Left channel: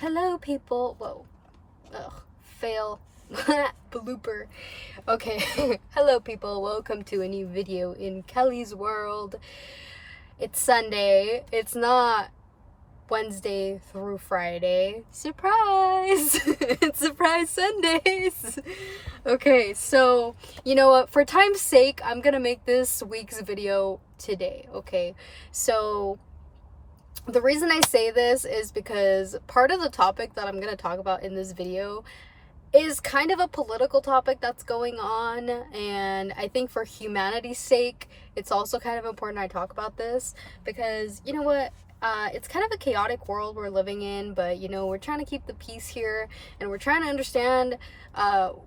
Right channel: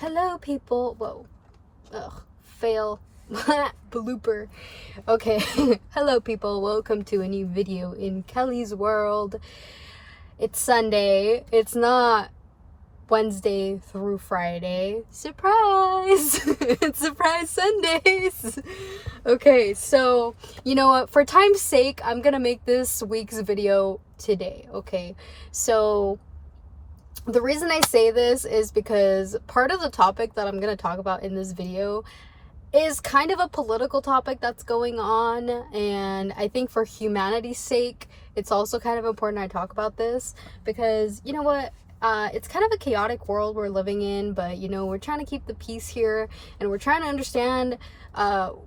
Hello, people. Whoa. Ugh. Fail. Blooper. Okay. Hello, people. Welcome to a new video in Kelly's world. It's Sunday. It's not Wednesday through Friday. Surprise! It's Surprise Sundays. Okay, so you know what? For time's sake, I'm gonna make this week's video today. Okay, so the reason I say this is because part of the topic that I'm going to talk about in this video is kind of a political topic that's going on, and I think for humanity's sake, it's also kind of important I talk about this because, you know what, it's kind of a chaotic world we're living in, but, you know, we're trying to keep the peace here, and we're trying to understand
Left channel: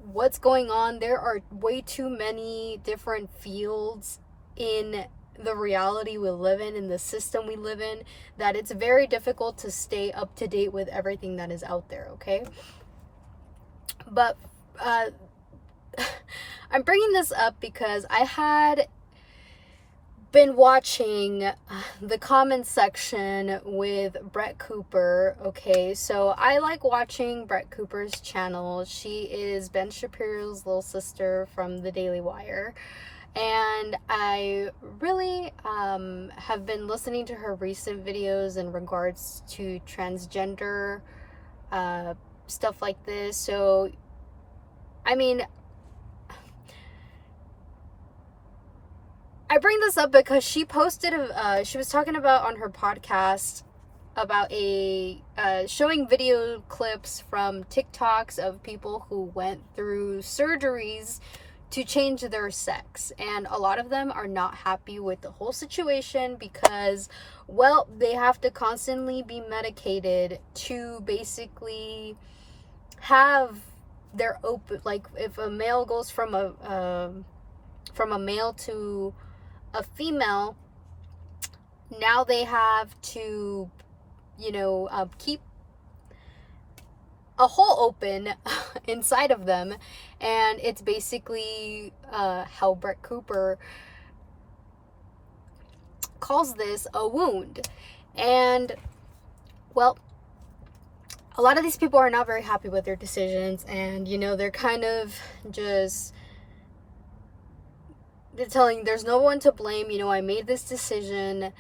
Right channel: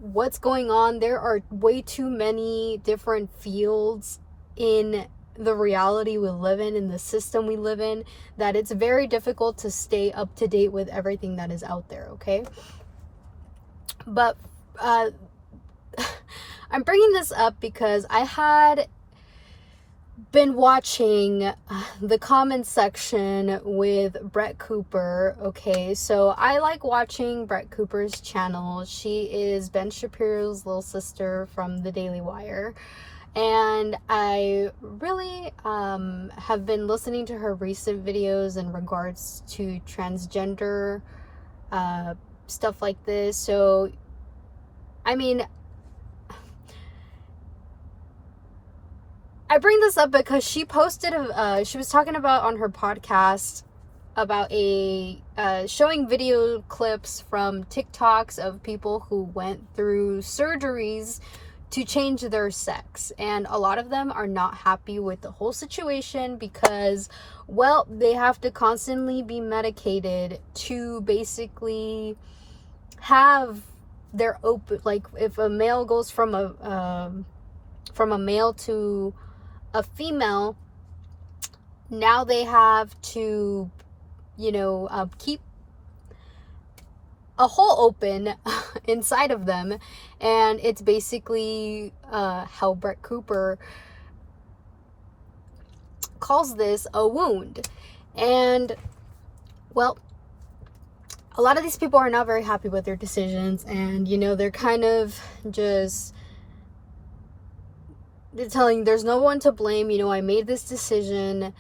what's going on. There are way too many different fields in the reality we live in the system we live in, that it's very difficult to stay up to date with everything that is out there, okay? But I'm bringing this up because I had been watching the comment section with Brett Cooper, okay? So I like watching Brett Cooper's channel. She is Ben Shapiro's little sister from the Daily Wire. And I really have been listening to her recent videos in regards to transgender stuff like this. So, I mean, I bring this up because she posted, she was talking about on her podcast about showing video clips from TikToks of people who went through surgeries to change their sex, and a lot of them are not happy with the whole situation because, well, they have to constantly be medicated to basically have their open, like if a male goes from a male to a female, now they have to, you know, keep a hole open inside of them, and it's basically how Brett Cooper calls this a wound. And, well, a lot of these people are not very happy with their decisions, and, you know, they're kind of just, they're telling there's no one to blame, you know, I made this decision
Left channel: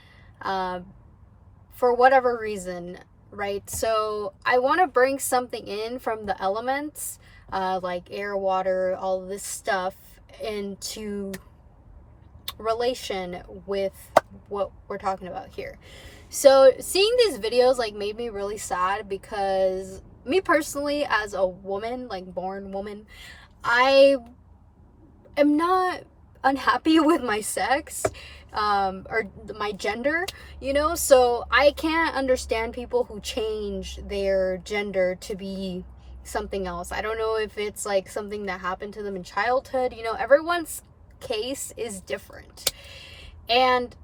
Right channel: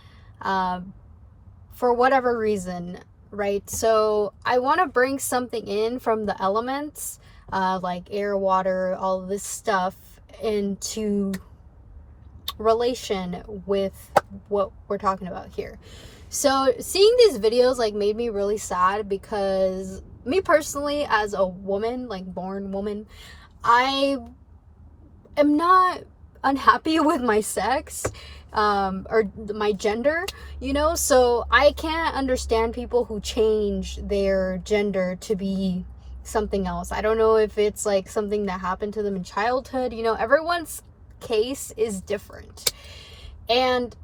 for whatever reason, right? So I want to bring something in from the elements, like air, water, all this stuff, into relation with what we're talking about here. So seeing these videos like made me really sad because me personally, as a woman, like born woman, I am not unhappy with my sex or my gender, you know, so I can't understand people who change their gender to be something else. I don't know if it's like something that happened to them in childhood, you know, everyone's case is different. And,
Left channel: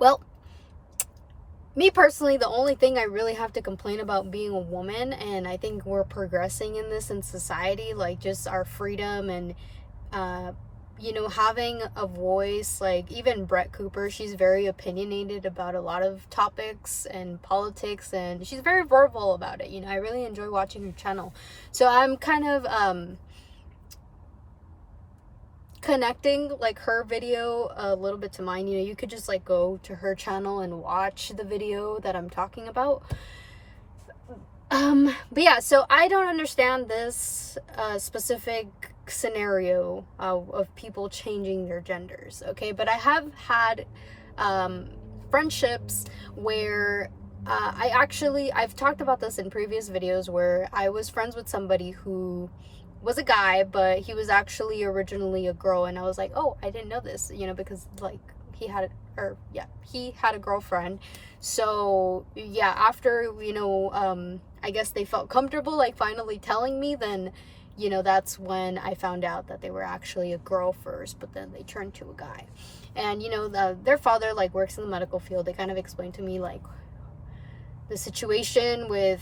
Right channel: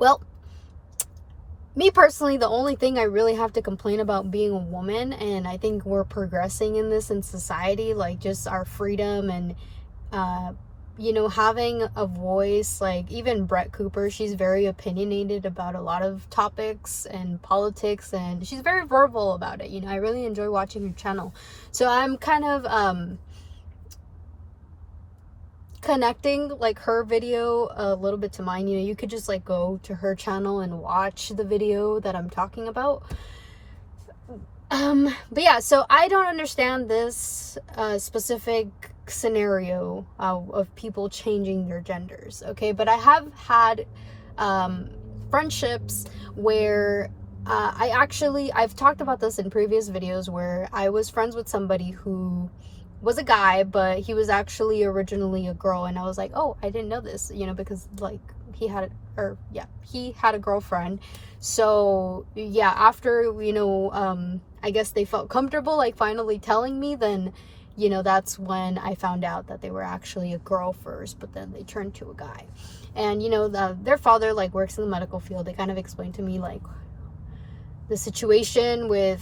well, me personally, the only thing I really have to complain about being a woman, and I think we're progressing in this in society, like just our freedom and you know, having a voice. Like even Brett Cooper, she's very opinionated about a lot of topics and politics, and she's very verbal about it, you know. I really enjoy watching her channel, so I'm kind of connecting like her video a little bit to mine. You know, you could just like go to her channel and watch the video that I'm talking about. But yeah, so I don't understand this specific scenario of people changing their genders, okay? But I have had friendships where I've talked about this in previous videos, where I was friends with somebody who was a guy, but he was actually originally a girl, and I was like, oh, I didn't know this, you know, because like he had a girlfriend. So yeah, after, you know, I guess they felt comfortable like finally telling me, then, you know, that's when I found out that they were actually a girl first, but then they turned to a guy. And, you know, their father like works in the medical field. They kind of explained to me like the situation with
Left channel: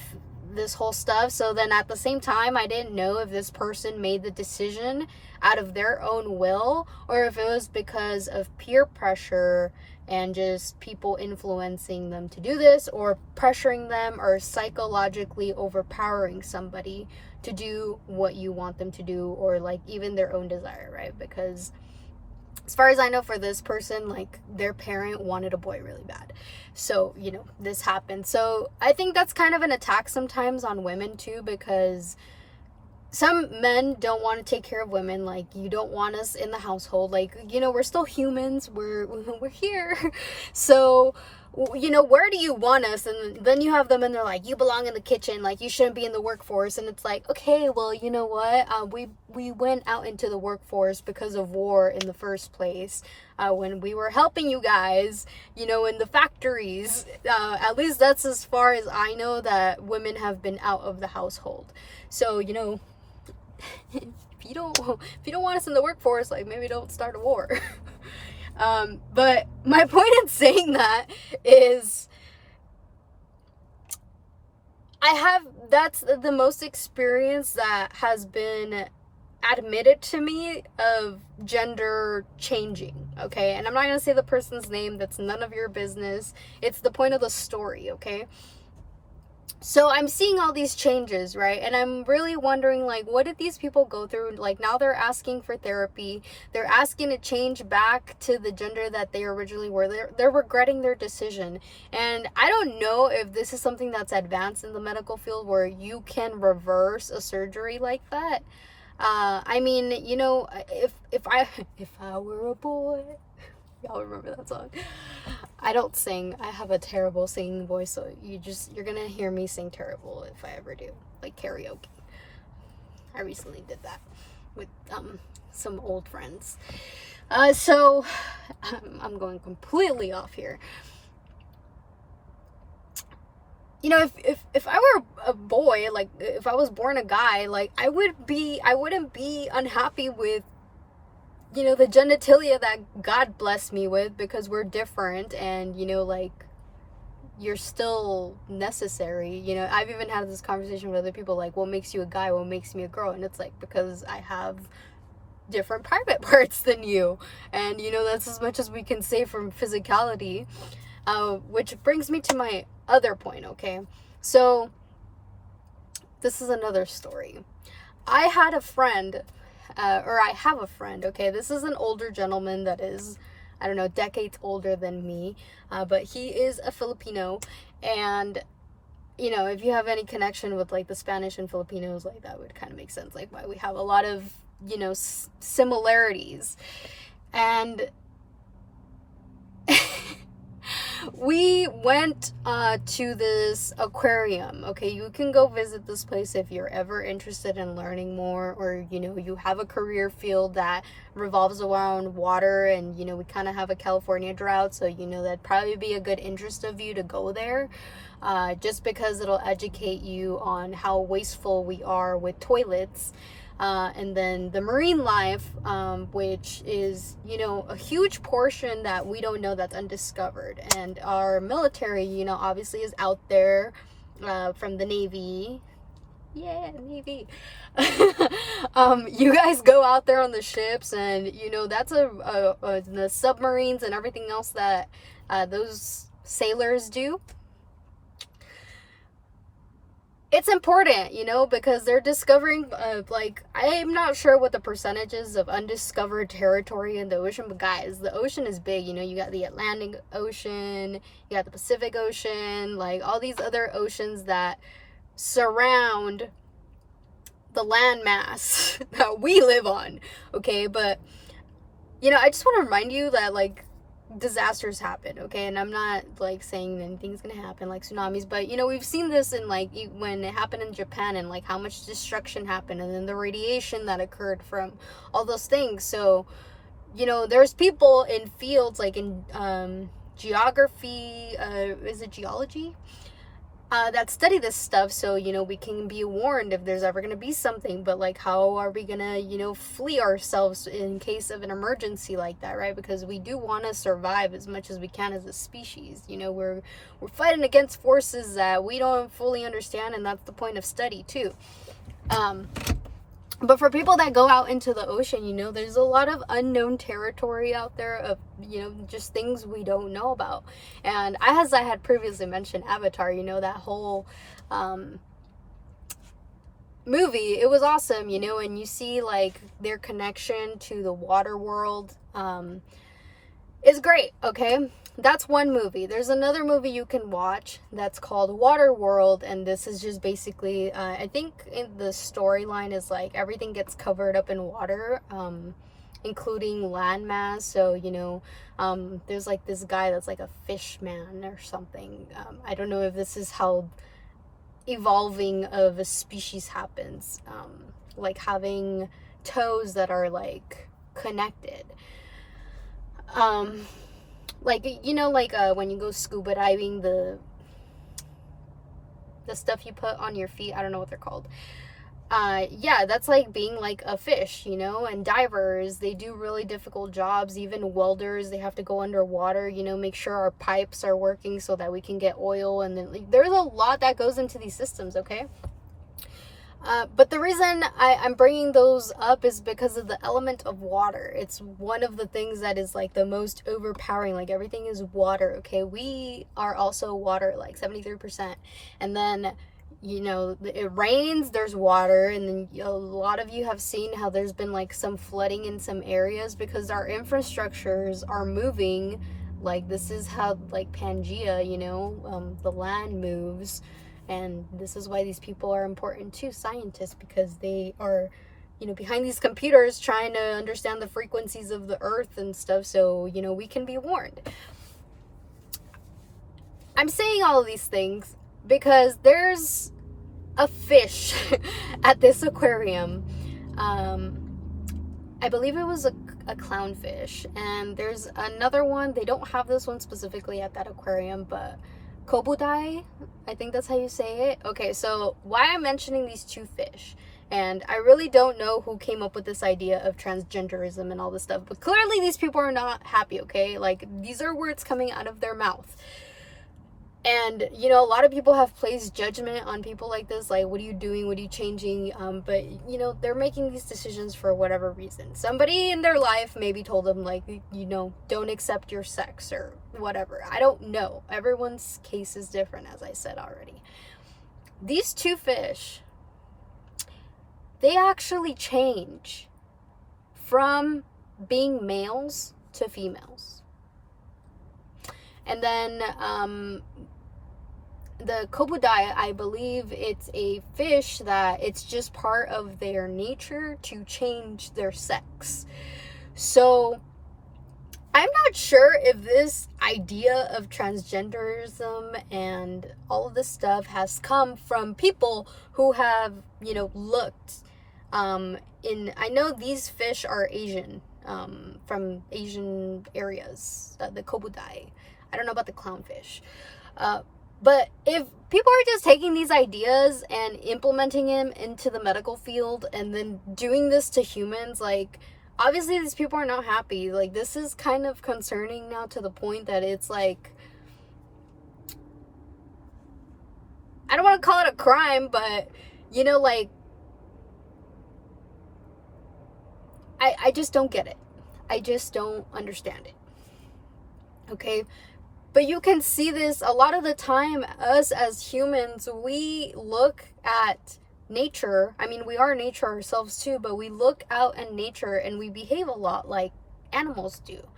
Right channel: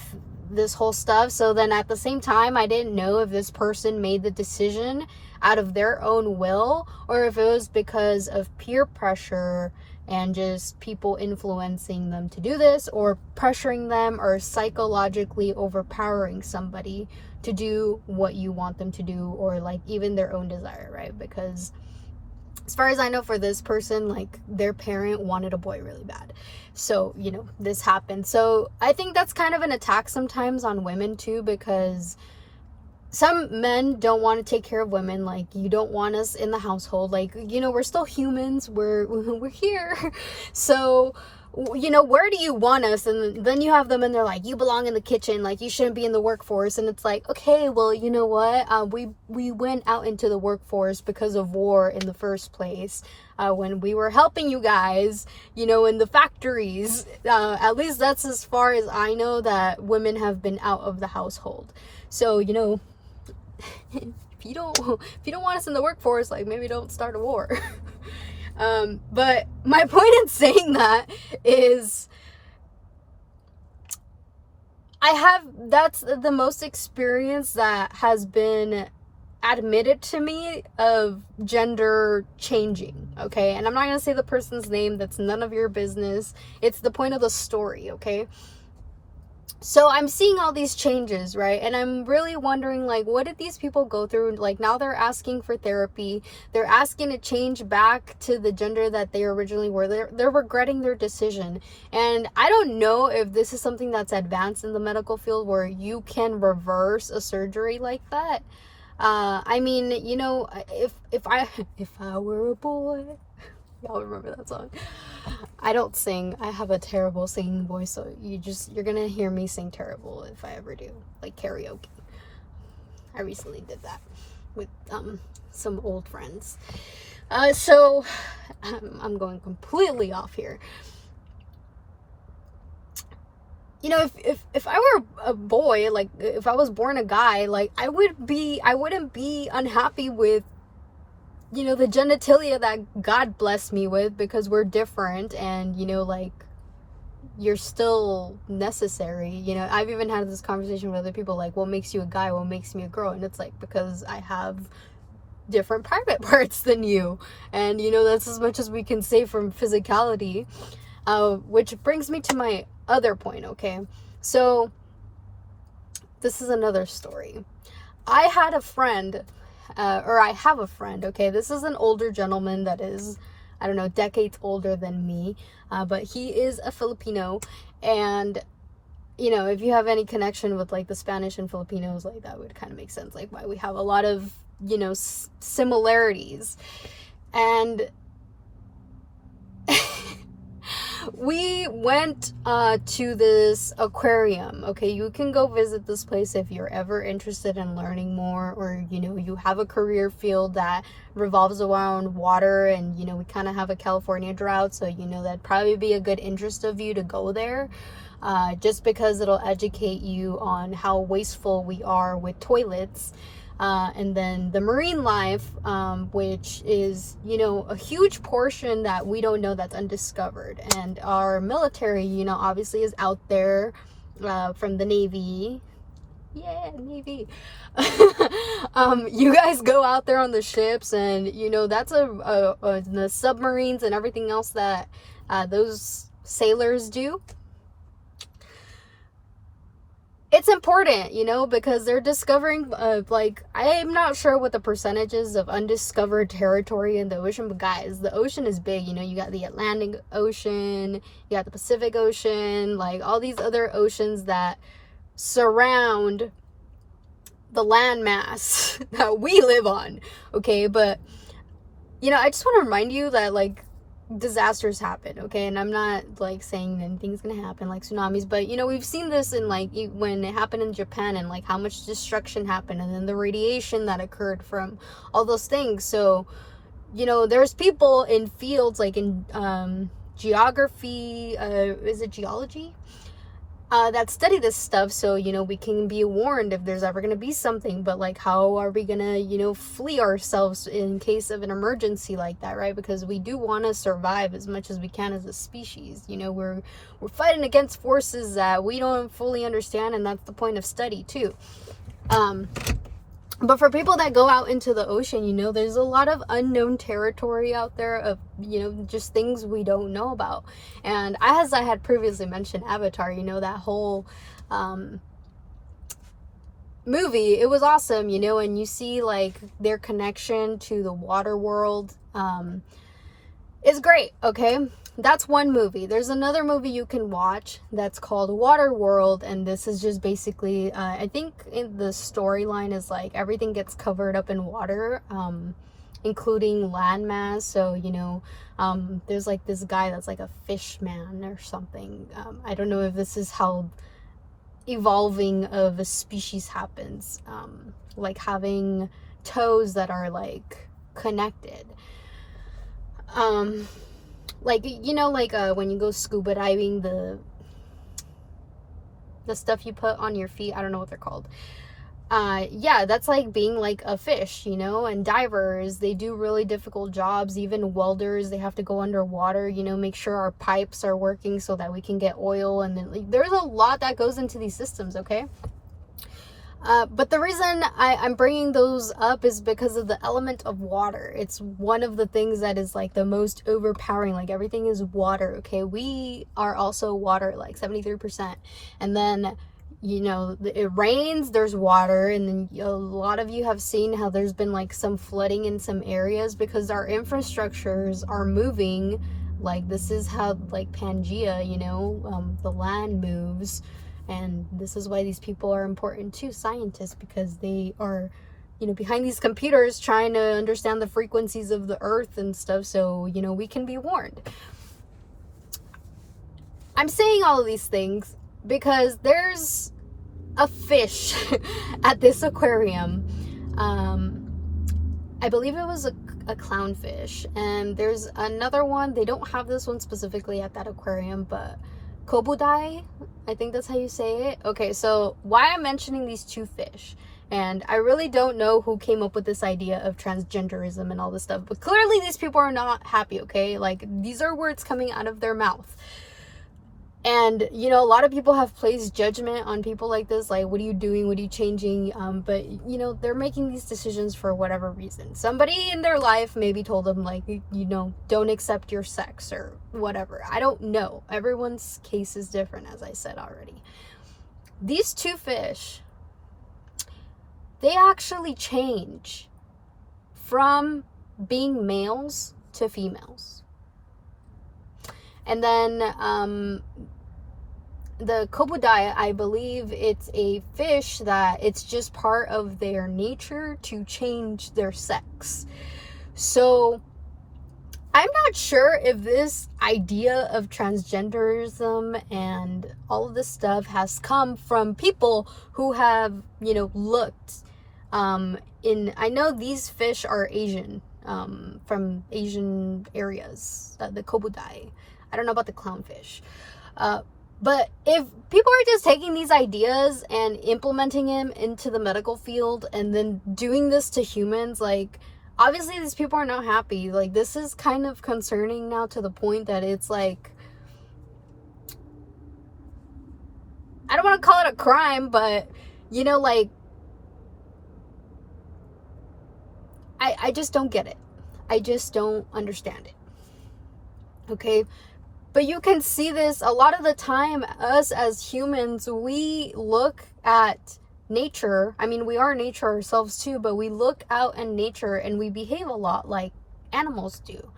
this whole stuff. So then at the same time, I didn't know if this person made the decision out of their own will or if it was because of peer pressure and just people influencing them to do this, or pressuring them, or psychologically overpowering somebody to do what you want them to do, or like even their own desire, right? Because as far as I know, for this person, like their parent wanted a boy really bad, so you know, this happened. So I think that's kind of an attack sometimes on women too, because some men don't want to take care of women. Like, you don't want us in the household, like, you know, we're still humans, we're here. So, you know, where do you want us? And then you have them and they're like, you belong in the kitchen, like you shouldn't be in the workforce. And it's like, okay, well, you know what, we went out into the workforce because of war in the first place, when we were helping you guys, you know, in the factories. At least that's as far as I know that women have been out of the household. So, you know, if you don't want us in the workforce, like, maybe don't start a war. But my point in saying that is, that's the most experience that has been admitted to me of gender changing, okay? And I'm not gonna say the person's name, that's none of your business. It's the point of the story, okay? So I'm seeing all these changes, right? And I'm really wondering, like, what did these people go through? Like, now they're asking for therapy. They're asking to change back to the gender that they originally were. They're regretting their decision. And I don't know if this is something that's advanced in the medical field where you can reverse a surgery like that. I mean, you know, if I were a boy, y'all remember that song? I don't sing. I have a terrible singing voice, so you're gonna hear me sing terrible if I ever do, like karaoke. I recently did that with some old friends. So I'm going completely off here. You know, if I were a boy, like if I was born a guy, like I wouldn't be unhappy with, you know, the genitalia that God blessed me with, because we're different, and, you know, like, you're still necessary. You know, I've even had this conversation with other people, like, what makes you a guy, what makes me a girl? And it's like, because I have different private parts than you, and, you know, that's as much as we can say from physicality. Which brings me to my other point, okay? So this is another story. I had a friend, or I have a friend, okay? This is an older gentleman that is, I don't know, decades older than me, but he is a Filipino. And, you know, if you have any connection with, like, the Spanish and Filipinos, like, that would kind of make sense, like, why we have a lot of, you know, similarities. And we went to this aquarium, okay? You can go visit this place if you're ever interested in learning more, or, you know, you have a career field that revolves around water, and, you know, we kind of have a California drought, so, you know, that'd probably be a good interest of you to go there, just because it'll educate you on how wasteful we are with toilets. And then the marine life, which is, you know, a huge portion that we don't know, that's undiscovered. And our military, you know, obviously is out there, from the Navy. Yeah, Navy. You guys go out there on the ships, and, you know, that's the submarines and everything else that those sailors do. It's important, you know, because they're discovering, like, I'm not sure what the percentages of undiscovered territory in the ocean, but guys, the ocean is big. You know, you got the Atlantic Ocean, you got the Pacific Ocean, like all these other oceans that surround the landmass that we live on, okay? But, you know, I just want to remind you that, like, disasters happen, okay? And I'm not, like, saying anything's gonna happen, like tsunamis, but, you know, we've seen this in, like, when it happened in Japan, and, like, how much destruction happened, and then the radiation that occurred from all those things. So, you know, there's people in fields, like in geography, is it geology, that study this stuff, so, you know, we can be warned if there's ever going to be something. But, like, how are we going to, you know, flee ourselves in case of an emergency like that, right? Because we do want to survive as much as we can as a species. You know, we're fighting against forces that we don't fully understand, and that's the point of study too. But for people that go out into the ocean, you know, there's a lot of unknown territory out there of, you know, just things we don't know about. And as I had previously mentioned, Avatar, you know, that whole movie, it was awesome, you know, and you see like their connection to the water world is great, okay? That's one movie. There's another movie you can watch that's called Waterworld, and this is just basically, I think in the storyline is like everything gets covered up in water, including landmass. So, you know, there's like this guy that's like a fish man or something. I don't know if this is how evolving of a species happens, like having toes that are like connected. Like, you know, like when you go scuba diving, the stuff you put on your feet, I don't know what they're called. Yeah, that's like being like a fish, you know. And divers, they do really difficult jobs. Even welders, they have to go underwater, you know, make sure our pipes are working so that we can get oil. And then like, there's a lot that goes into these systems, okay? But the reason I'm bringing those up is because of the element of water. It's one of the things that is like the most overpowering. Like everything is water, okay? We are also water, like 73%. And then, you know, it rains, there's water. And then a lot of you have seen how there's been like some flooding in some areas because our infrastructures are moving. Like this is how like Pangea, you know, the land moves. And this is why these people are important too, scientists, because they are, you know, behind these computers trying to understand the frequencies of the earth and stuff, so, you know, we can be warned. I'm saying all of these things because there's a fish at this aquarium. I believe it was a clownfish, and there's another one. They don't have this one specifically at that aquarium, but Kobudai, I think that's how you say it. Okay, so why I'm mentioning these two fish, and I really don't know who came up with this idea of transgenderism and all this stuff, but clearly these people are not happy, okay? Like, these are words coming out of their mouth. And, you know, a lot of people have placed judgment on people like this, like, what are you doing? What are you changing? But, you know, they're making these decisions for whatever reason. Somebody in their life maybe told them, like, you know, don't accept your sex or whatever. I don't know. Everyone's case is different, as I said already. These two fish, they actually change from being males to females. And then the Kobudai, I believe it's a fish that it's just part of their nature to change their sex. So I'm not sure if this idea of transgenderism and all of this stuff has come from people who have, you know, looked I know these fish are Asian, from Asian areas, the Kobudai. I don't know about the clownfish. But if people are just taking these ideas and implementing them into the medical field and then doing this to humans, like, obviously these people are not happy. Like, this is kind of concerning now to the point that it's like, I don't want to call it a crime, but, you know, like, I just don't get it. I just don't understand it. Okay? But you can see this a lot of the time. Us as humans, we look at nature. I mean, we are nature ourselves too, but we look out in nature and we behave a lot like animals do.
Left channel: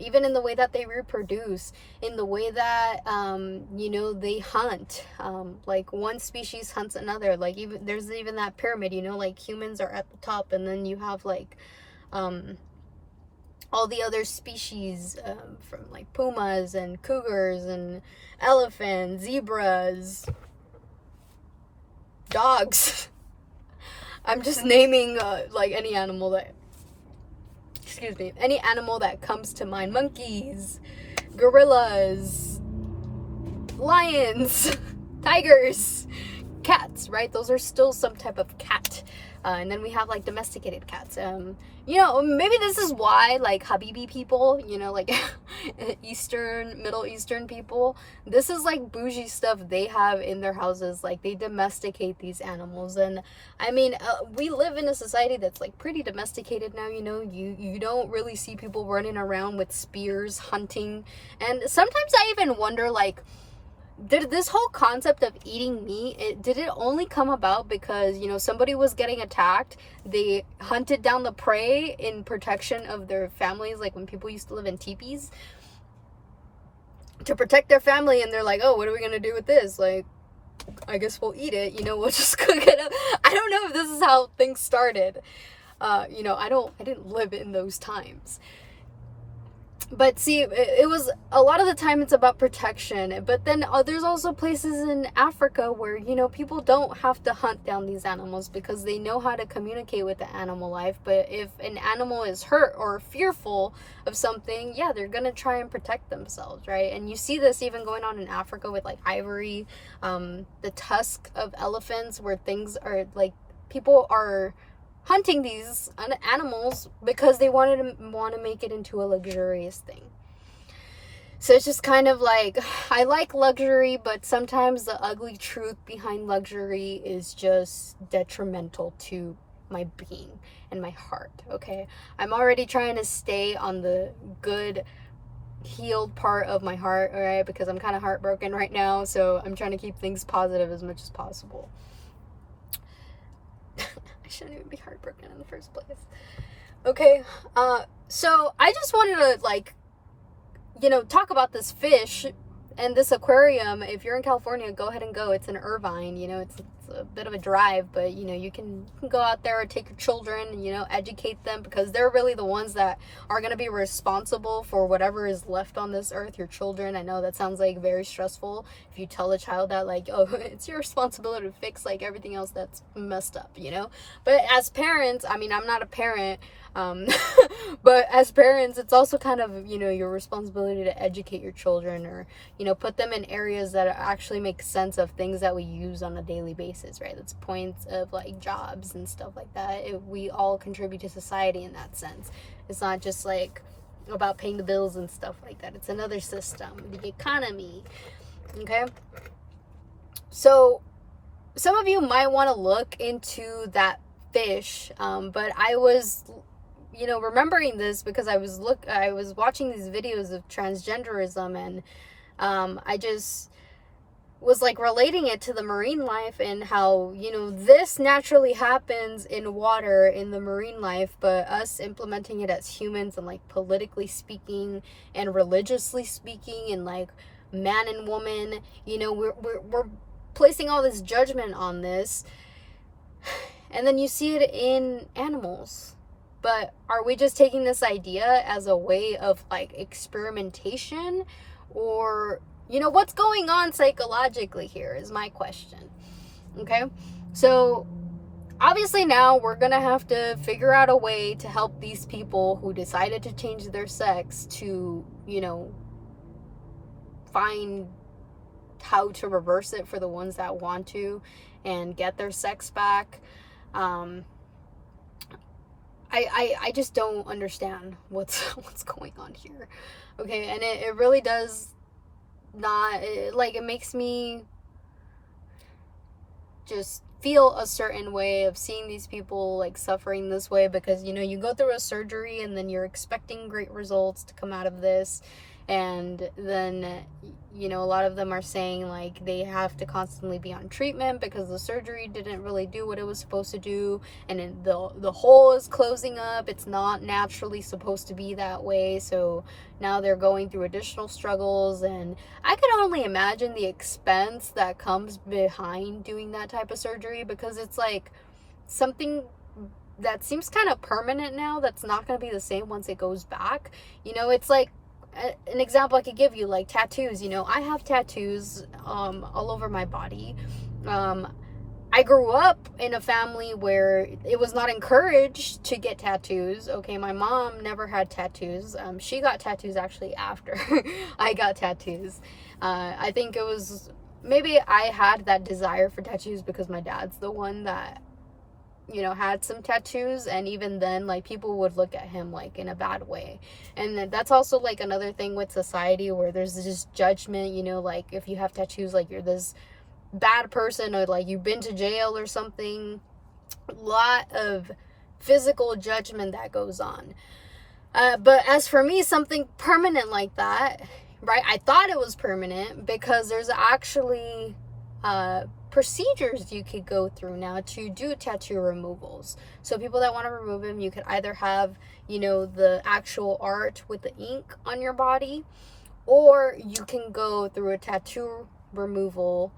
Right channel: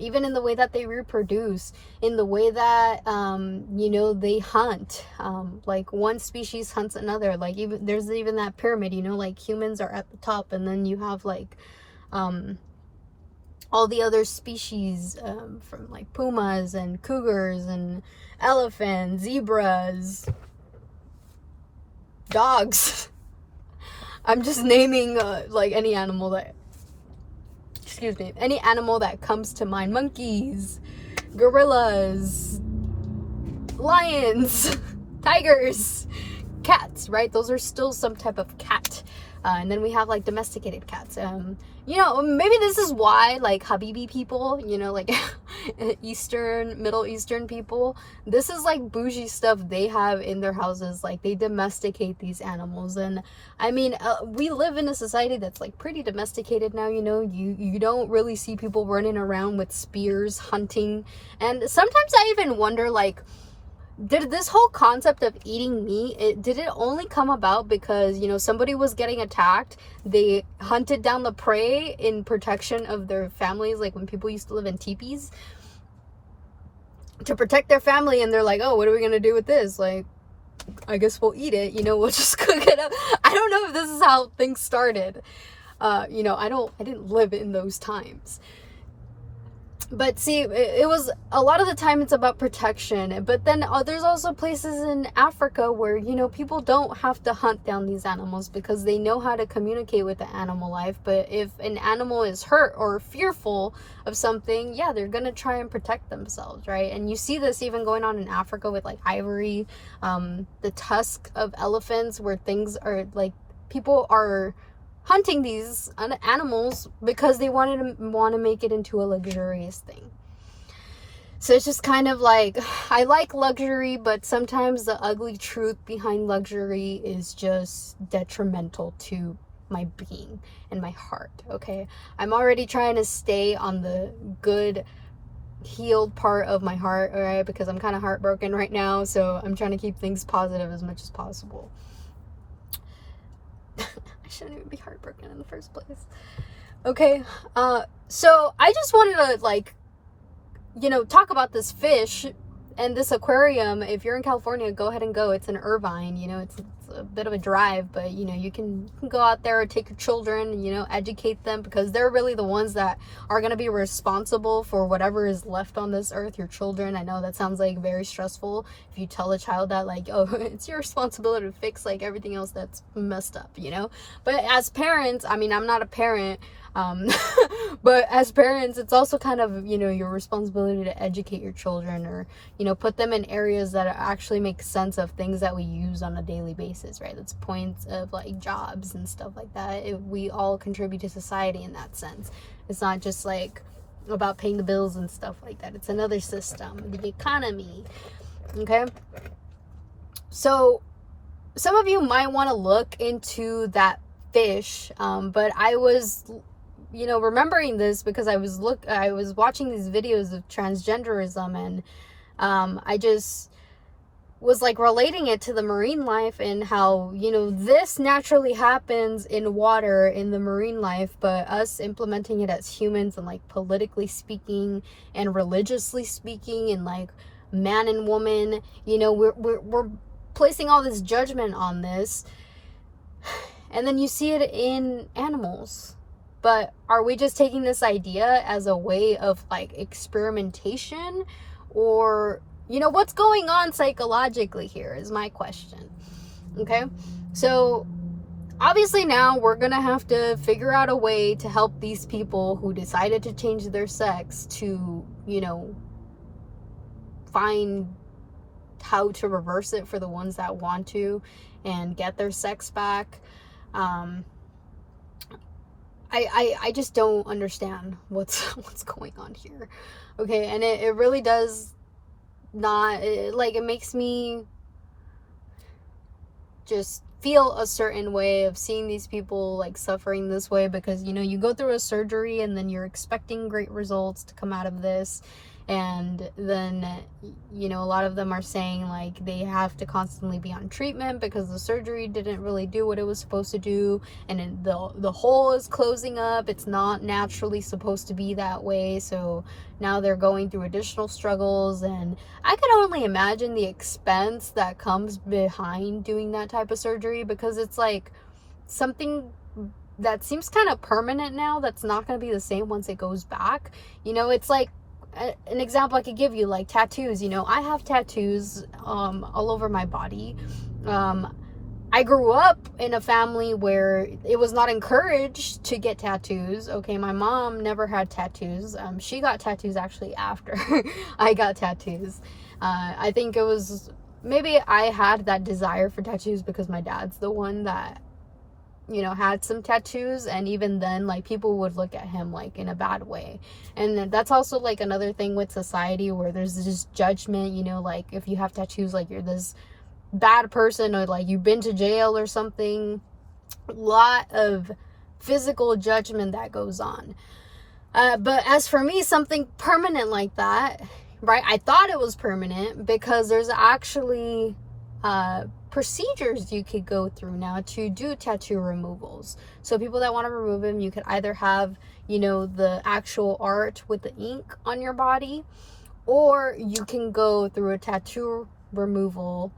Even in the way that they reproduce, in the way that, you know, they hunt. Like, one species hunts another. Like, even there's even that pyramid, you know, like humans are at the top, and then you have like all the other species, from like pumas and cougars and elephants, zebras, dogs. I'm just naming like any animal that, excuse me, any animal that comes to mind. Monkeys, gorillas, lions, tigers, cats, right? Those are still some type of cat. and then we have like domesticated cats. You know, maybe this is why like Habibi people, you know, like Middle Eastern people, this is like bougie stuff they have in their houses. Like they domesticate these animals. And I mean, we live in a society that's like pretty domesticated now. You know, you don't really see people running around with spears hunting. And sometimes I even wonder, like, did this whole concept of eating meat, did it only come about because, you know, somebody was getting attacked, they hunted down the prey in protection of their families, like when people used to live in teepees to protect their family, and they're like, oh, what are we gonna do with this? Like, I guess we'll eat it, you know, we'll just cook it up. I don't know if this is how things started. You know, I didn't live in those times. But see, it was a lot of the time it's about protection. But then there's also places in Africa where, you know, people don't have to hunt down these animals because they know how to communicate with the animal life. But if an animal is hurt or fearful of something, yeah, they're gonna try and protect themselves, right? And you see this even going on in Africa with like ivory, the tusk of elephants, where things are like, people are hunting these animals because they want to make it into a luxurious thing. So it's just kind of like, I like luxury, but sometimes the ugly truth behind luxury is just detrimental to my being and my heart. Okay, I'm already trying to stay on the good, healed part of my heart, all right, because I'm kind of heartbroken right now, so I'm trying to keep things positive as much as possible. I shouldn't even be heartbroken in the first place. Okay, so I just wanted to, like, you know, talk about this fish and this aquarium. If you're in California, go ahead and go. It's in Irvine, you know, it's a bit of a drive, but, you know, you can go out there and take your children, you know, educate them, because they're really the ones that are going to be responsible for whatever is left on this earth, your children. I know that sounds like very stressful if you tell a child that, like, oh, it's your responsibility to fix like everything else that's messed up, you know. But as parents, I mean, I'm not a parent, but as parents, it's also kind of, you know, your responsibility to educate your children, or, you know, put them in areas that actually make sense of things that we use on a daily basis, right? That's points of like jobs and stuff like that. We all contribute to society in that sense. It's not just like about paying the bills and stuff like that. It's another system, the economy. Okay, so some of you might want to look into that fish, but I was, you know, remembering this because I was watching these videos of transgenderism, and I just was like relating it to the marine life and how, you know, this naturally happens in water, in the marine life, but us implementing it as humans and like politically speaking and religiously speaking and like man and woman, you know, we're placing all this judgment on this, and then you see it in animals. But are we just taking this idea as a way of like experimentation, or, you know, what's going on psychologically here is my question. Okay, so obviously now we're gonna have to figure out a way to help these people who decided to change their sex to, you know, find how to reverse it for the ones that want to and get their sex back. I just don't understand what's going on here. Okay, and it really does not, it makes me just feel a certain way of seeing these people like suffering this way, because, you know, you go through a surgery and then you're expecting great results to come out of this, and then, you know, a lot of them are saying like they have to constantly be on treatment because the surgery didn't really do what it was supposed to do, and the hole is closing up. It's not naturally supposed to be that way, so now they're going through additional struggles, and I can only imagine the expense that comes behind doing that type of surgery, because it's like something that seems kind of permanent now that's not going to be the same once it goes back. You know, it's like an example I could give you, like tattoos. You know, I have tattoos all over my body. I grew up in a family where it was not encouraged to get tattoos. Okay, my mom never had tattoos. She got tattoos actually after I got tattoos. I think it was, maybe I had that desire for tattoos because my dad's the one that you know, had some tattoos, and even then, like, people would look at him like in a bad way. And that's also like another thing with society, where there's this judgment, you know, like if you have tattoos, like you're this bad person, or like you've been to jail or something. A lot of physical judgment that goes on. But as for me, something permanent like that, right, I thought it was permanent, because there's actually procedures you could go through now to do tattoo removals. So people that want to remove them, you could either have, you know, the actual art with the ink on your body, or you can go through a tattoo removal.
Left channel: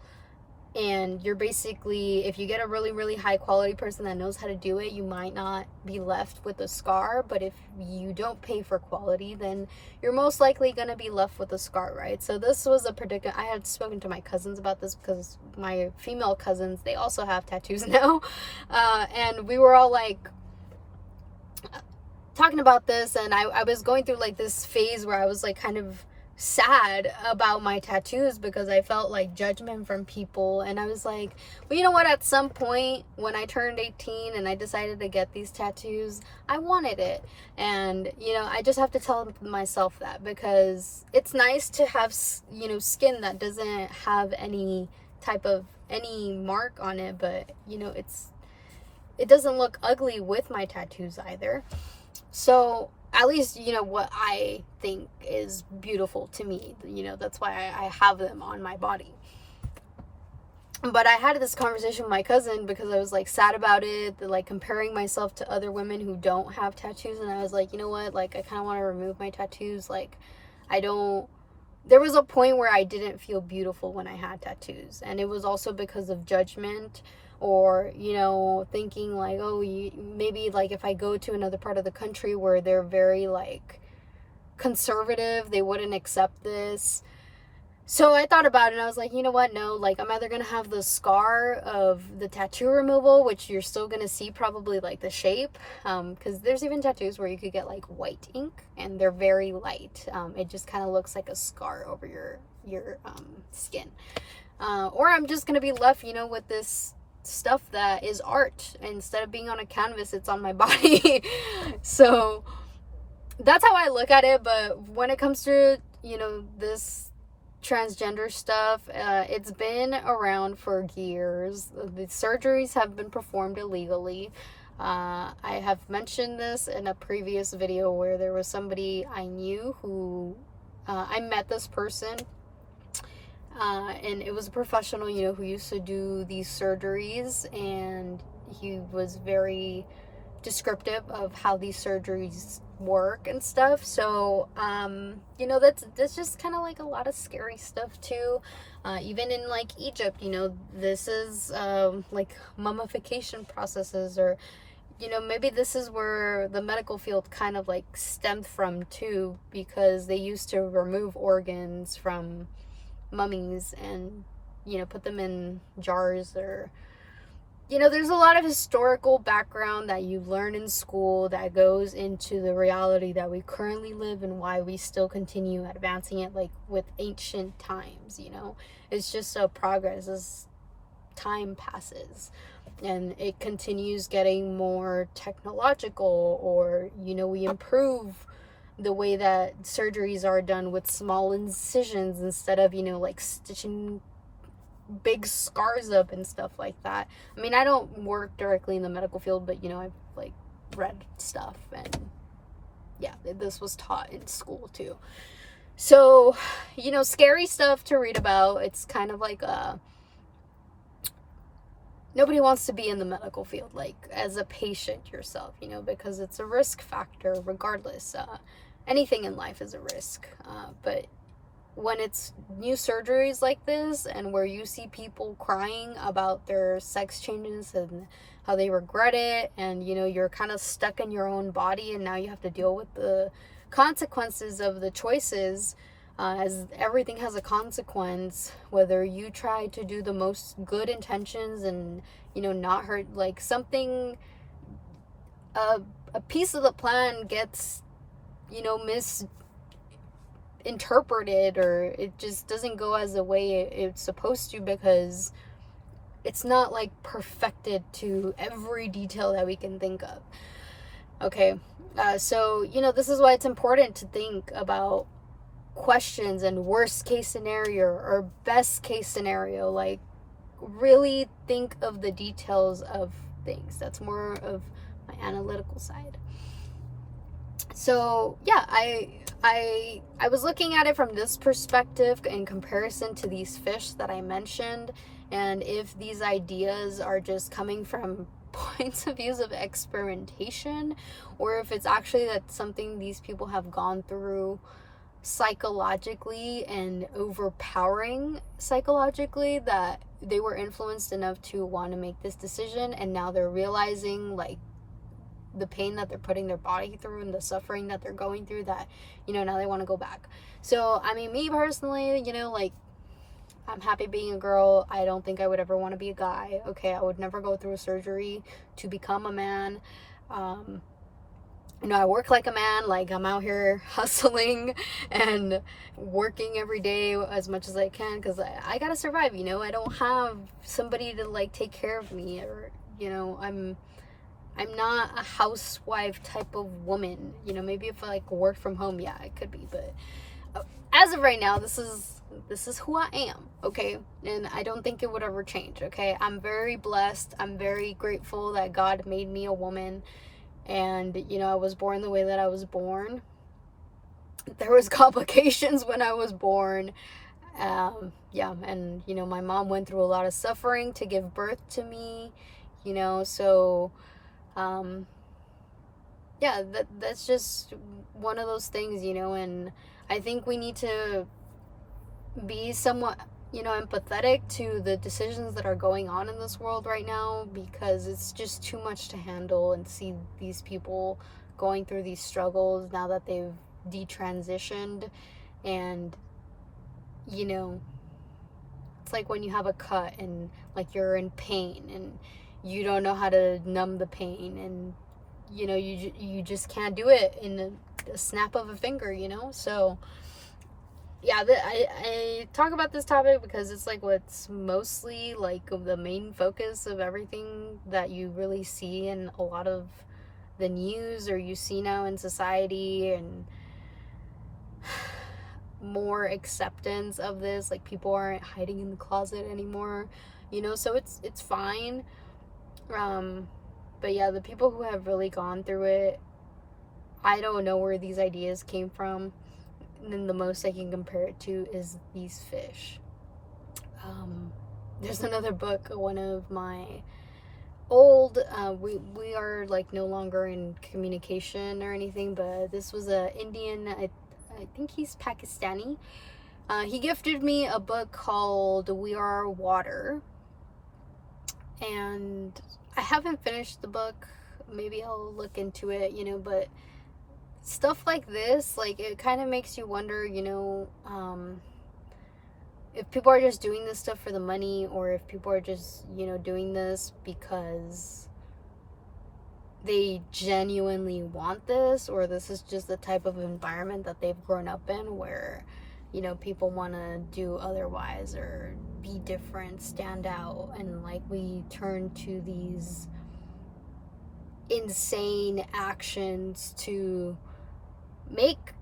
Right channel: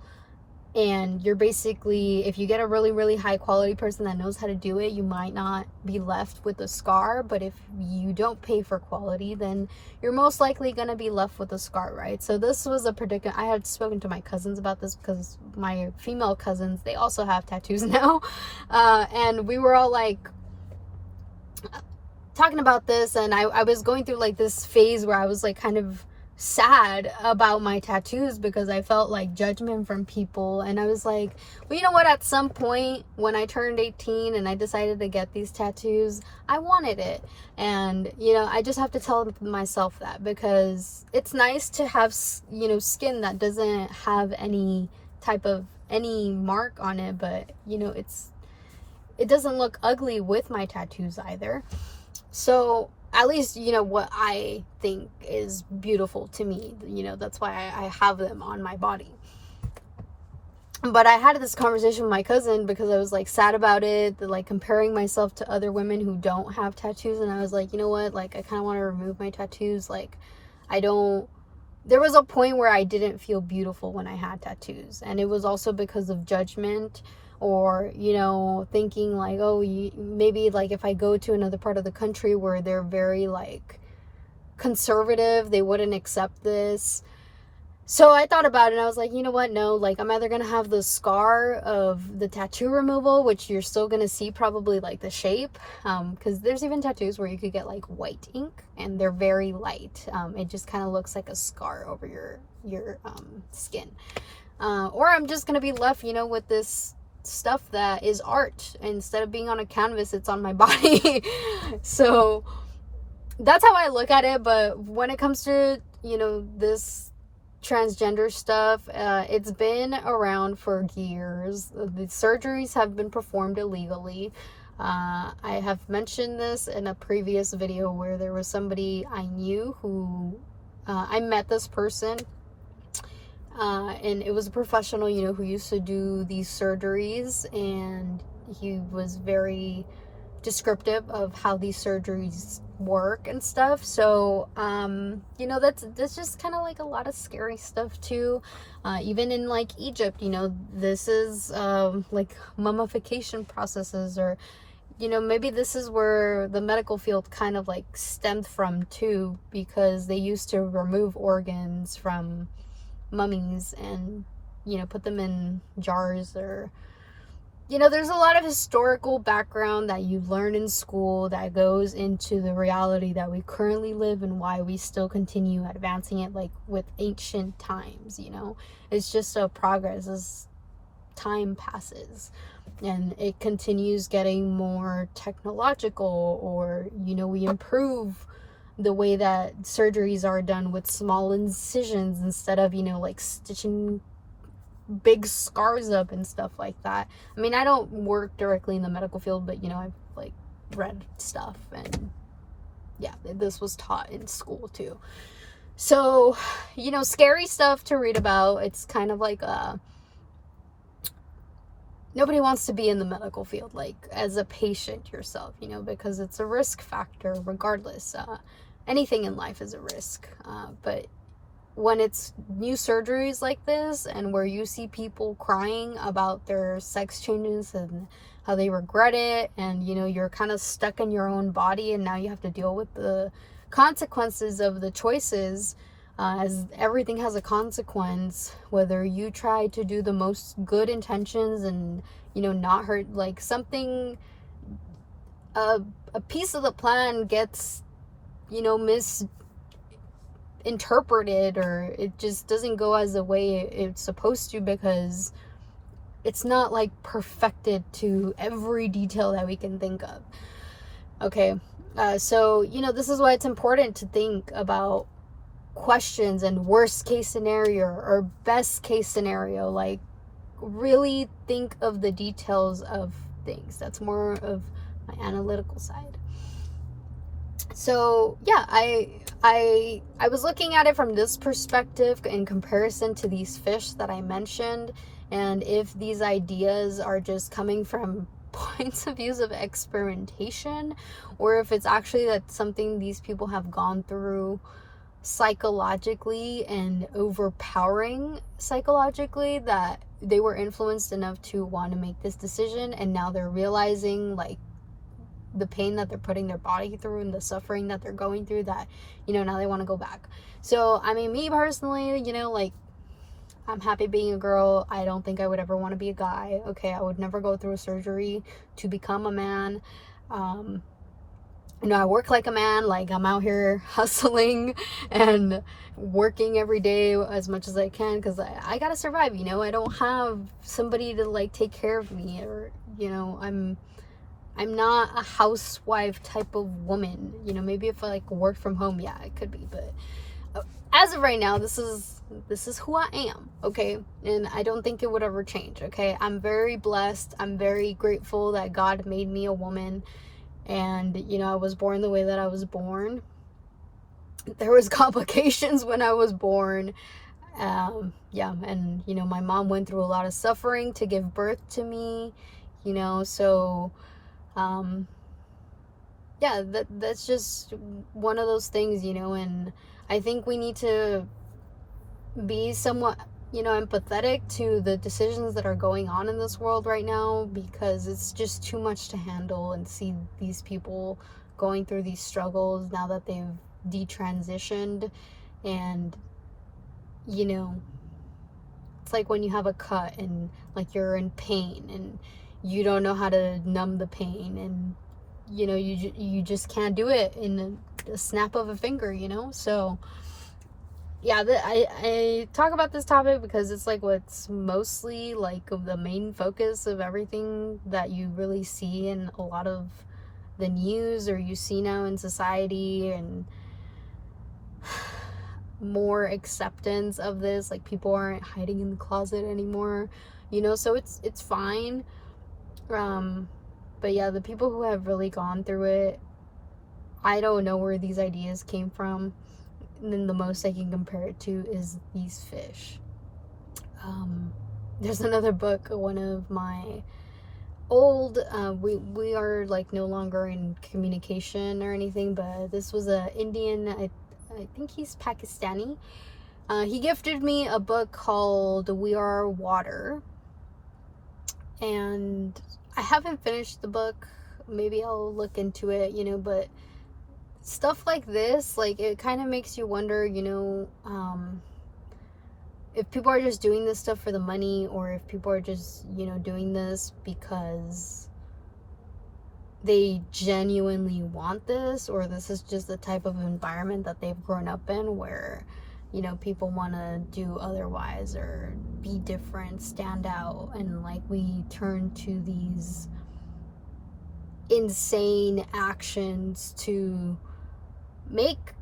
And you're basically, if you get a really, really high quality person that knows how to do it, you might not be left with a scar. But if you don't pay for quality, then you're most likely going to be left with a scar, right? So this was a predicament. I had spoken to my cousins about this, because my female cousins, they also have tattoos now. And we were all like talking about this, and I was going through like this phase where I was like kind of sad about my tattoos, because I felt like judgment from people. And I was like, well, you know what, at some point when I turned 18 and I decided to get these tattoos, I wanted it. And you know, I just have to tell myself that, because it's nice to have, you know, skin that doesn't have any type of any mark on it, but you know, it doesn't look ugly with my tattoos either. So at least, you know, what I think is beautiful to me, you know, that's why I have them on my body. But I had this conversation with my cousin, because I was like sad about it, like comparing myself to other women who don't have tattoos. And I was like, you know what, like I kind of want to remove my tattoos. Like there was a point where I didn't feel beautiful when I had tattoos, and it was also because of judgment, or you know, thinking like, oh, maybe like if I go to another part of the country where they're very like conservative, they wouldn't accept this. So I thought about it, and I was like, you know what, no, like I'm either gonna have the scar of the tattoo removal, which you're still gonna see probably like the shape, because there's even tattoos where you could get like white ink and they're very light. It just kind of looks like a scar over your skin, or I'm just gonna be left, you know, with this stuff that is art. Instead of being on a canvas, it's on my body. So that's how I look at it. But when it comes to, you know, this transgender stuff, it's been around for years. The surgeries have been performed illegally. I have mentioned this in a previous video, where there was somebody I knew who I met this person, and it was a professional, you know, who used to do these surgeries, and he was very descriptive of how these surgeries work and stuff. So you know, that's just kind of like a lot of scary stuff too. Even in like Egypt, you know, this is like mummification processes, or you know, maybe this is where the medical field kind of like stemmed from too, because they used to remove organs from mummies and, you know, put them in jars. Or, you know, there's a lot of historical background that you learn in school that goes into the reality that we currently live, and why we still continue advancing it like with ancient times. You know, it's just a progress as time passes, and it continues getting more technological, or you know, we improve the way that surgeries are done with small incisions instead of, you know, like stitching big scars up and stuff like that. I mean, I don't work directly in the medical field, but you know, I've like read stuff, and yeah, this was taught in school too. So, you know, scary stuff to read about. It's kind of like nobody wants to be in the medical field, like as a patient yourself, you know, because it's a risk factor regardless. Anything in life is a risk, but when it's new surgeries like this, and where you see people crying about their sex changes and how they regret it, and you know, you're kind of stuck in your own body, and now you have to deal with the consequences of the choices, as everything has a consequence, whether you try to do the most good intentions and, you know, not hurt, like something, a piece of the plan gets, you know, misinterpreted, or it just doesn't go as the way it's supposed to, because it's not like perfected to every detail that we can think of. Okay, so this is why it's important to think about questions and worst case scenario or best case scenario. Like, really think of the details of things. That's more of my analytical side. So yeah, I was looking at it from this perspective in comparison to these fish that I mentioned, and if these ideas are just coming from points of views of experimentation, or if it's actually that something these people have gone through psychologically and overpowering psychologically, that they were influenced enough to want to make this decision, and now they're realizing like the pain that they're putting their body through and the suffering that they're going through, that now they want to go back. So I mean, me personally, like, I'm happy being a girl. I don't think I would ever want to be a guy. Okay, I would never go through a surgery to become a man. I work like a man. Like, I'm out here hustling and working every day as much as I can, because I gotta survive. I don't have somebody to like take care of me, or I'm not a housewife type of woman. Maybe if I like worked from home, yeah, it could be. But as of right now, this is who I am, okay? And I don't think it would ever change, okay? I'm very blessed. I'm very grateful that God made me a woman, and I was born the way that I was born. There was complications when I was born. Yeah, and my mom went through a lot of suffering to give birth to me, so yeah, that's just one of those things, and I think we need to be somewhat empathetic to the decisions that are going on in this world right now, because it's just too much to handle, and see these people going through these struggles now that they've detransitioned. And it's like when you have a cut and like you're in pain and you don't know how to numb the pain, and you just can't do it in a snap of a finger, so yeah, I talk about this topic because it's like what's mostly like the main focus of everything that you really see in a lot of the news, or you see now in society, and more acceptance of this. Like, people aren't hiding in the closet anymore, so it's fine. But yeah, the people who have really gone through it, I don't know where these ideas came from. And then the most I can compare it to is these fish. There's another book, one of my old, we are like no longer in communication or anything, but this was a Indian, I think he's Pakistani. He gifted me a book called We Are Water, and I haven't finished the book. Maybe I'll look into it, but stuff like this, like, it kind of makes you wonder, if people are just doing this stuff for the money, or if people are just, doing this because they genuinely want this, or this is just the type of environment that they've grown up in, where people want to do otherwise or be different, stand out, and like we turn to these insane actions to make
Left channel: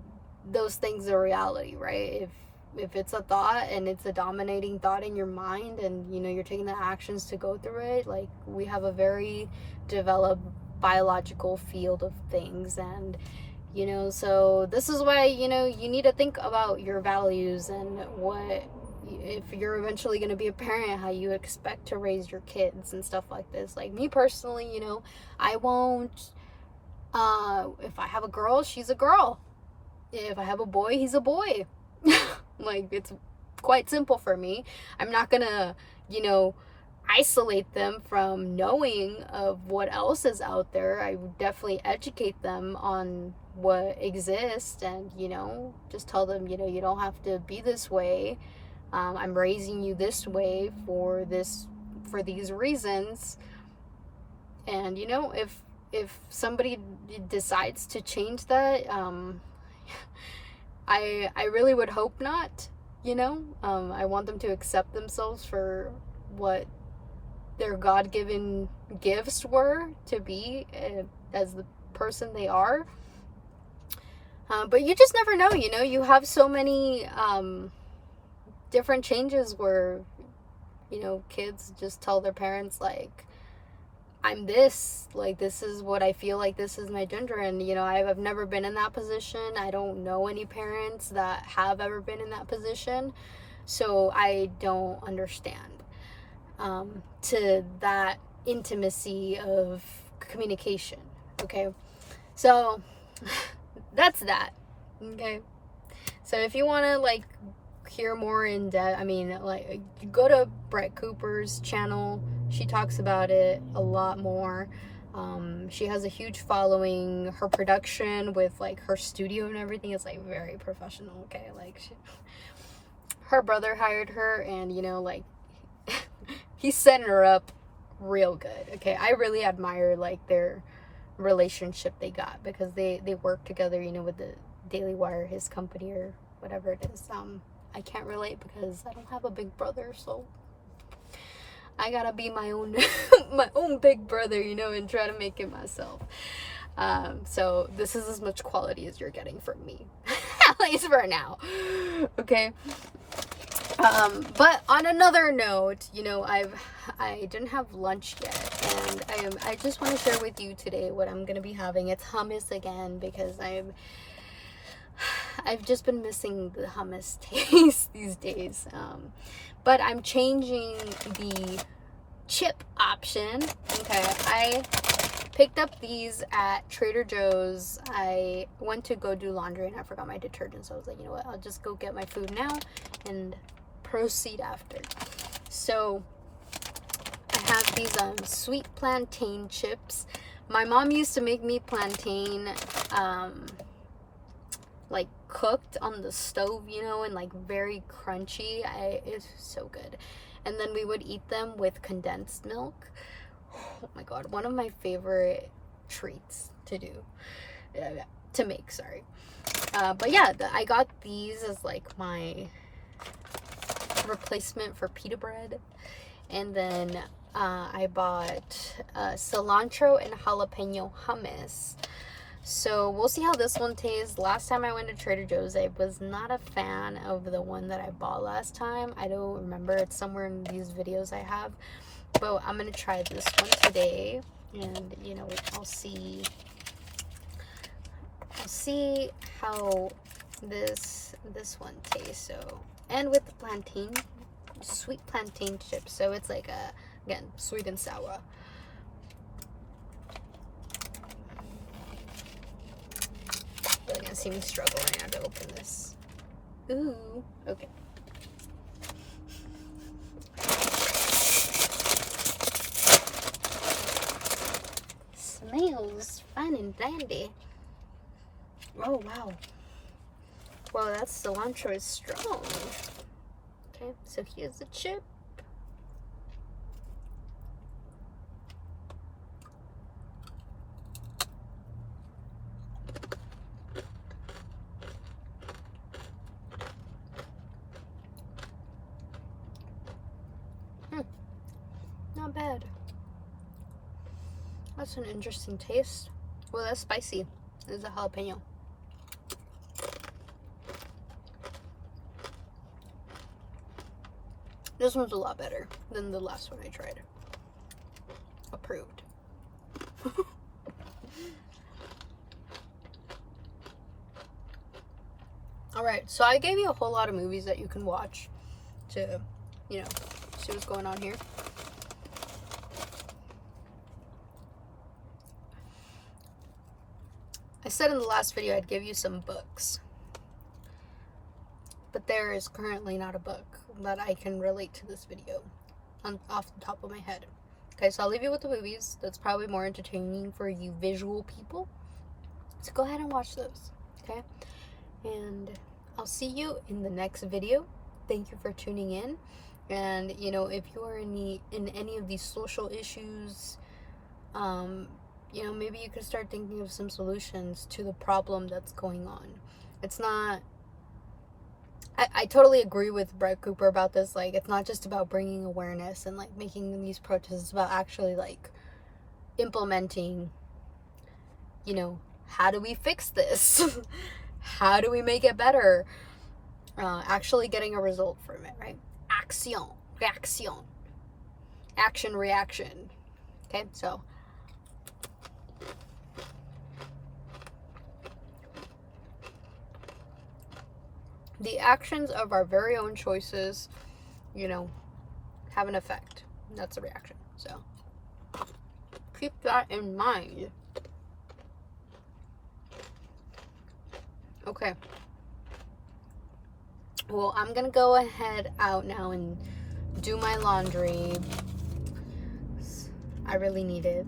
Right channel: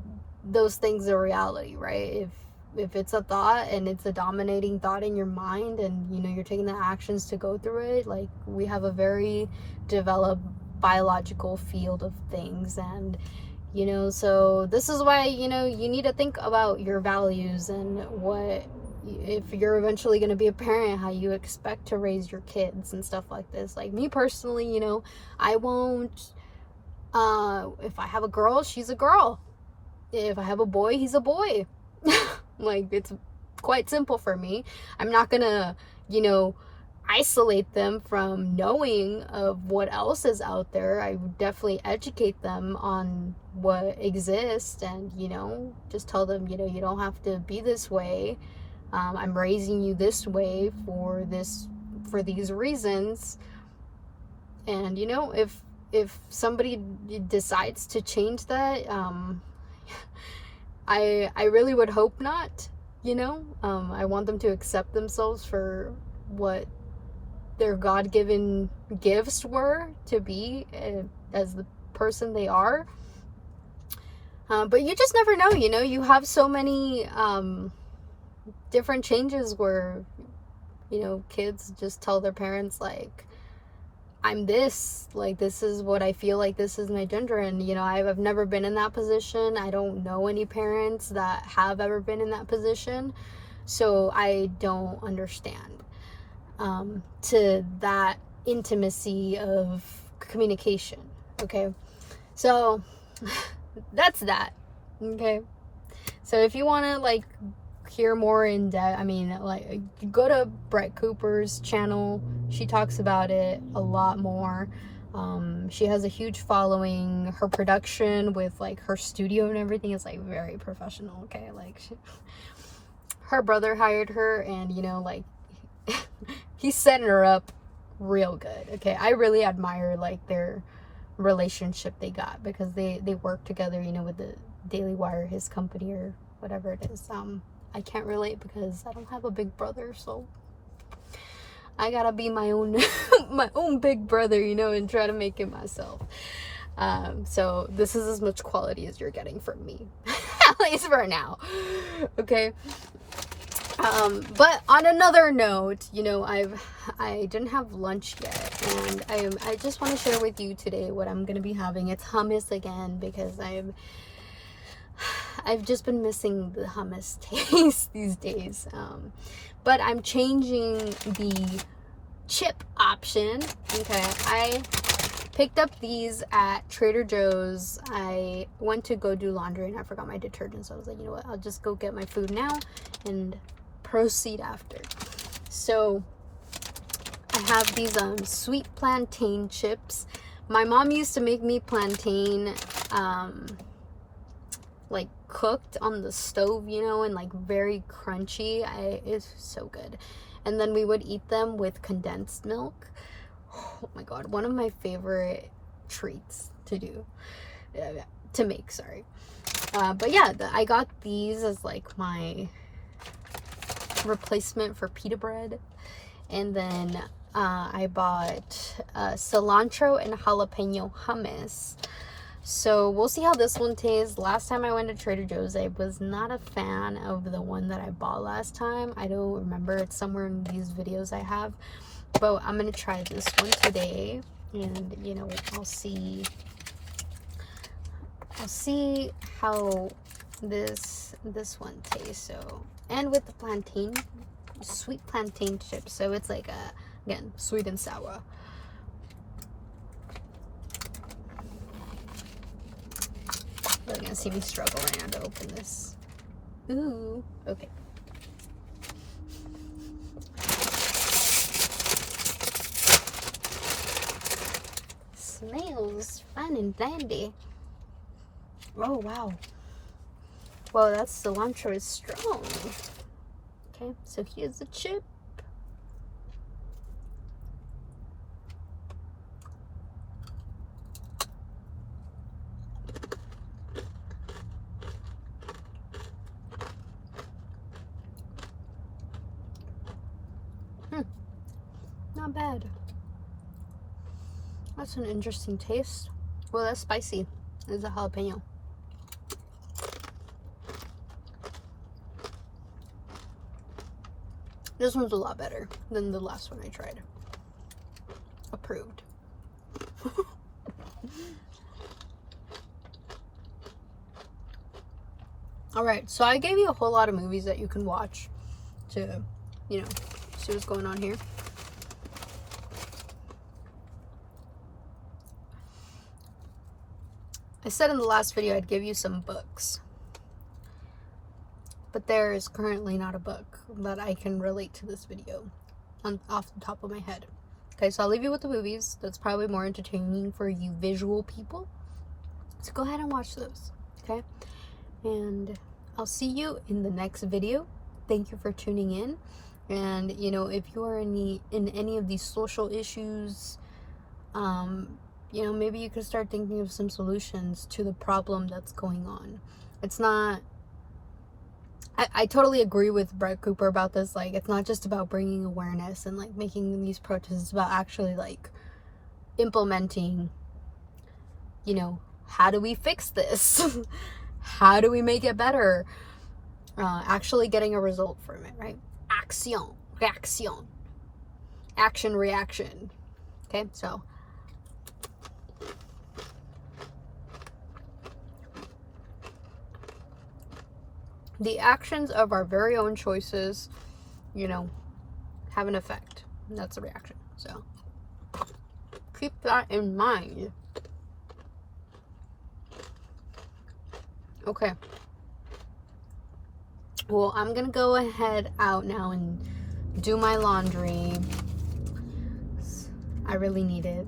those things a reality, right? If it's a thought and it's a dominating thought in your mind, and you're taking the actions to go through it, like, we have a very developed biological field of things, and so this is why you need to think about your values, and what, if you're eventually going to be a parent, how you expect to raise your kids and stuff like this. Like, me personally, I won't, if I have a girl, she's a girl. If I have a boy, he's a boy. Like, it's quite simple for me. I'm not gonna isolate them from knowing of what else is out there. I would definitely educate them on what exists, and just tell them, you don't have to be this way. I'm raising you this way for these reasons. And if somebody decides to change that, I really would hope not. I want them to accept themselves for what their God-given gifts were to be as the person they are. But you just never know, you know. You have so many different changes where, you know, kids just tell their parents, like, I'm this, like, this is what I feel like, this is my gender. And, you know, I've never been in that position. I don't know any parents that have ever been in that position, so I don't understand to that intimacy of communication. Okay, so that's that. Okay, so if you want to, like, hear more in depth, I mean, like, go to Brett Cooper's channel. She talks about it a lot more. She has a huge following. Her production with, like, her studio and everything is, like, very professional. Okay, like, her brother hired her, and, you know, like, he set her up real good. Okay, I really admire, like, their relationship they got, because they work together, you know, with the Daily Wire, his company, or whatever it is. I can't relate because I don't have a big brother, so I gotta be my own my own big brother, you know, and try to make it myself. So this is as much quality as you're getting from me, at least for now. Okay. But on another note, you know, I didn't have lunch yet, and I just want to share with you today what I'm gonna be having. It's hummus again, because I've just been missing the hummus taste these days. But I'm changing the chip option. Okay, I picked up these at Trader Joe's. I went to go do laundry and I forgot my detergent, so I was like, you know what, I'll just go get my food now and proceed after. So I have these sweet plantain chips. My mom used to make me plantain like cooked on the stove, you know, and like very crunchy. It's so good. And then we would eat them with condensed milk. Oh my god, one of my favorite treats to do, to make, sorry. But yeah, I got these as like my replacement for pita bread. And then I bought cilantro and jalapeno hummus. So we'll see how this one tastes. Last time I went to Trader Joe's, I was not a fan of the one that I bought last time. I don't remember. It's somewhere in these videos I have. But I'm going to try this one today. And, you know, I'll see how this one tastes. So, and with the plantain, sweet plantain chips. So it's like again, sweet and sour. You're gonna see me struggle right now to open this. Ooh, okay. Smells fine and dandy. Oh wow. Well, that cilantro is strong. Okay, so here's the chip. Not bad. That's an interesting taste. Well, that's spicy. There's a jalapeno. This one's a lot better than the last one I tried. Approved. Alright, so I gave you a whole lot of movies that you can watch to, you know, see what's going on here. I said in the last video I'd give you some books, but there is currently not a book that I can relate to this video off the top of my head. Okay, so I'll leave you with the movies. That's probably more entertaining for you visual people, so go ahead and watch those. Okay, and I'll see you in the next video. Thank you for tuning in. And, you know, if you are in any of these social issues, you know, maybe you could start thinking of some solutions to the problem that's going on. It's not I totally agree with Brett Cooper about this. Like, it's not just about bringing awareness and like making these protests. It's about actually like implementing, you know, how do we fix this? How do we make it better? Actually getting a result from it, right? Action, reaction, action, reaction. Okay, so the actions of our very own choices, you know, have an effect. That's a reaction. So keep that in mind. Okay. Well, I'm gonna go ahead out now and do my laundry. I really need it.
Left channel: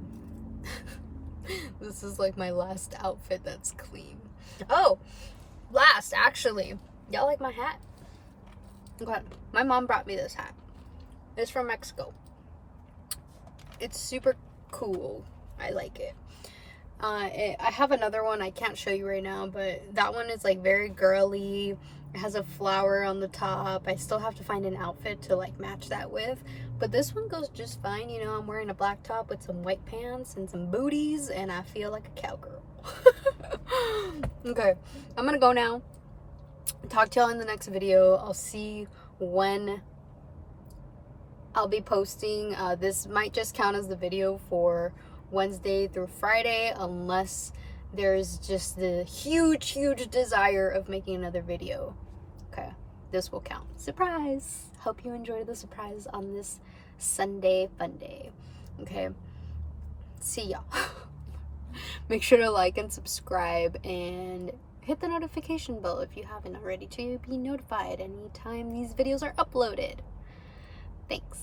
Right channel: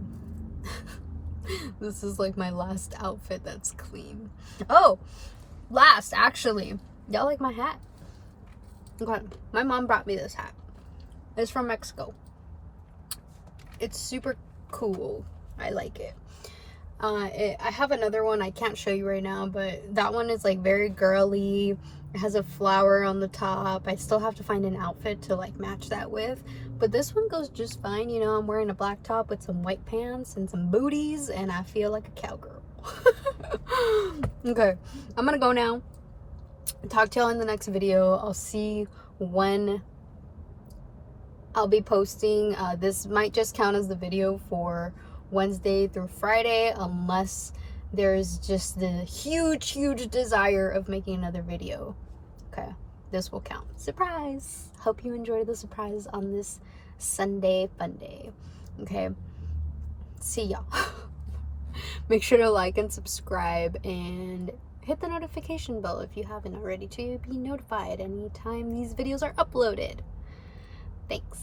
This is like my last outfit that's clean. Oh, last, actually. Y'all like my hat? Okay. My mom brought me this hat. It's from Mexico. It's super cool. I like it. I have another one I can't show you right now, but that one is like very girly. It has a flower on the top. I still have to find an outfit to like match that with, but this one goes just fine. You know, I'm wearing a black top with some white pants and some booties, and I feel like a cowgirl. Okay, I'm gonna go now. Talk to y'all in the next video. I'll see when I'll be posting. This might just count as the video for Wednesday through Friday, unless there's just the huge desire of making another video. Okay, this will count. Surprise! Hope you enjoyed the surprise on this Sunday fun day. Okay, see y'all. Make sure to like and subscribe and hit the notification bell if you haven't already to be notified anytime these videos are uploaded. Thanks.